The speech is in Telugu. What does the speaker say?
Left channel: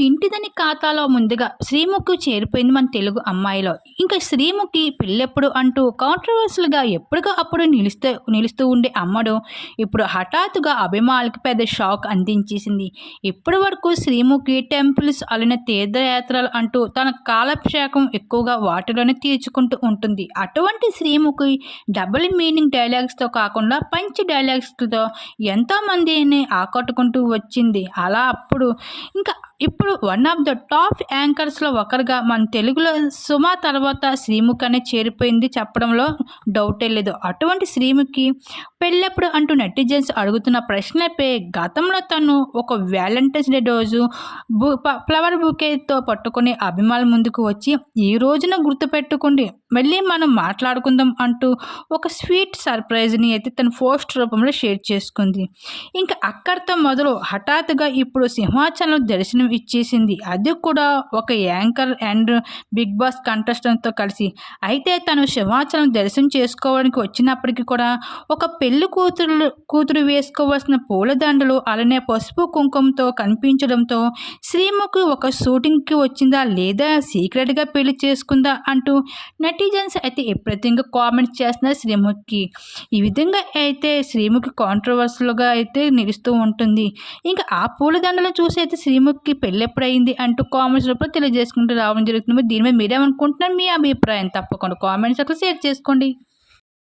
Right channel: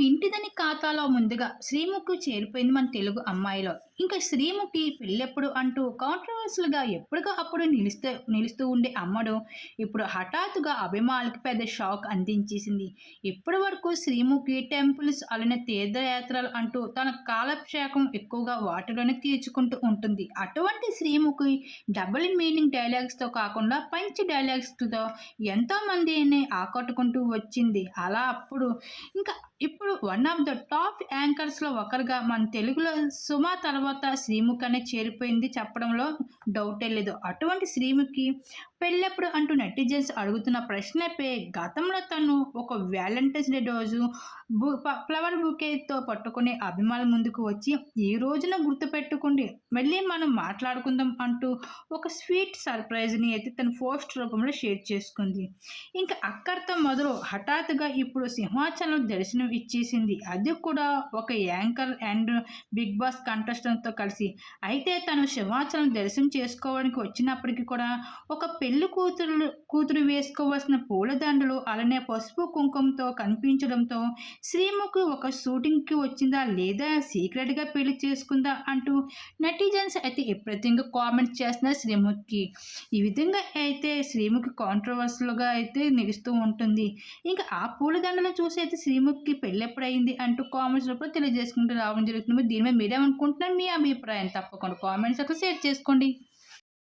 ఇంటిదని ఖాతాలో ముందుగా శ్రీముఖి చేరిపోయింది మన తెలుగు అమ్మాయిలో. ఇంకా శ్రీముఖి పెళ్ళెప్పుడు అంటూ కాంట్రోవర్షియల్‌గా ఎప్పటికో అప్పుడు నిలుస్తూ ఉండే అమ్మడు ఇప్పుడు హఠాత్తుగా అభిమానులకి పెద్ద షాక్ అందించేసింది. ఇప్పటి వరకు శ్రీముఖి టెంపుల్స్ అలిన తీర్థయాత్రలు అంటూ తన కాలక్షేపం ఎక్కువగా వాటిలోనే తీర్చుకుంటూ ఉంటుంది. అటువంటి శ్రీముఖి డబుల్ మీనింగ్ డైలాగ్స్‌తో కాకుండా పంచ్ డైలాగ్స్‌తో ఎంతోమందిని ఆకట్టుకుంటూ వచ్చింది. అలా అప్పుడు ఇంకా ఇప్పుడు వన్ ఆఫ్ ద టాప్ యాంకర్స్‌లో ఒకరుగా మన తెలుగులో 'సుమ' తర్వాత శ్రీముఖి అనే చేరిపోయింది చెప్పడంలో డౌటే లేదు. అటువంటి శ్రీముఖి పెళ్ళెప్పుడు అంటూ నెటిజన్స్ అడుగుతున్న ప్రశ్నలపై గతంలో తను ఒక వ్యాలంటైన్స్ డే రోజు ఫ్లవర్ బొకేతో పట్టుకొని అభిమానుల ముందుకు వచ్చి ఈ రోజున గుర్తుపెట్టుకోండి మళ్ళీ మనం మాట్లాడుకుందాం అంటూ ఒక స్వీట్ సర్ప్రైజ్‌ని అయితే తన పోస్ట్ రూపంలో షేర్ చేసుకుంది. ఇంకా అక్కడితో మొదలు హఠాత్తుగా ఇప్పుడు సింహాచలం దర్శనం ఇచ్చేసింది. అది కూడా ఒక యాంకర్ అండ్ బిగ్ బాస్ కంటెస్టెంట్‌తో కలిసి. అయితే తను సింహాచలం దర్శనం చేసుకోవడానికి వచ్చినప్పటికి కూడా ఒక పెళ్లి కూతురు వేసుకోవాల్సిన పూలదండలు అలానే పసుపు కుంకుమతో కనిపించడంతో శ్రీముఖి ఒక షూటింగ్‌కి వచ్చిందా లేదా సీక్రెట్‌గా పెళ్లి చేసుకుందా అంటూ నెటిజన్స్ అయితే విపరీతంగా కామెంట్స్ చేస్తున్నారు శ్రీముఖికి. ఈ విధంగా అయితే శ్రీముఖి కాంట్రోవర్షియల్‌గా అయితే నిలుస్తూ ఉంటుంది. ఇంకా ఆ పూలదండలను చూసి అయితే శ్రీముఖికి పెళ్ళెప్పుడయింది అంటూ కామెంట్స్ రూపంలో తెలియజేసుకుంటూ రావడం జరుగుతుంది. దీని మీద మీరేమనుకుంటున్నారు? మీ అభిప్రాయం తప్పకుండా కామెంట్స్ సెక్షన్‌లో షేర్ చేసుకోండి.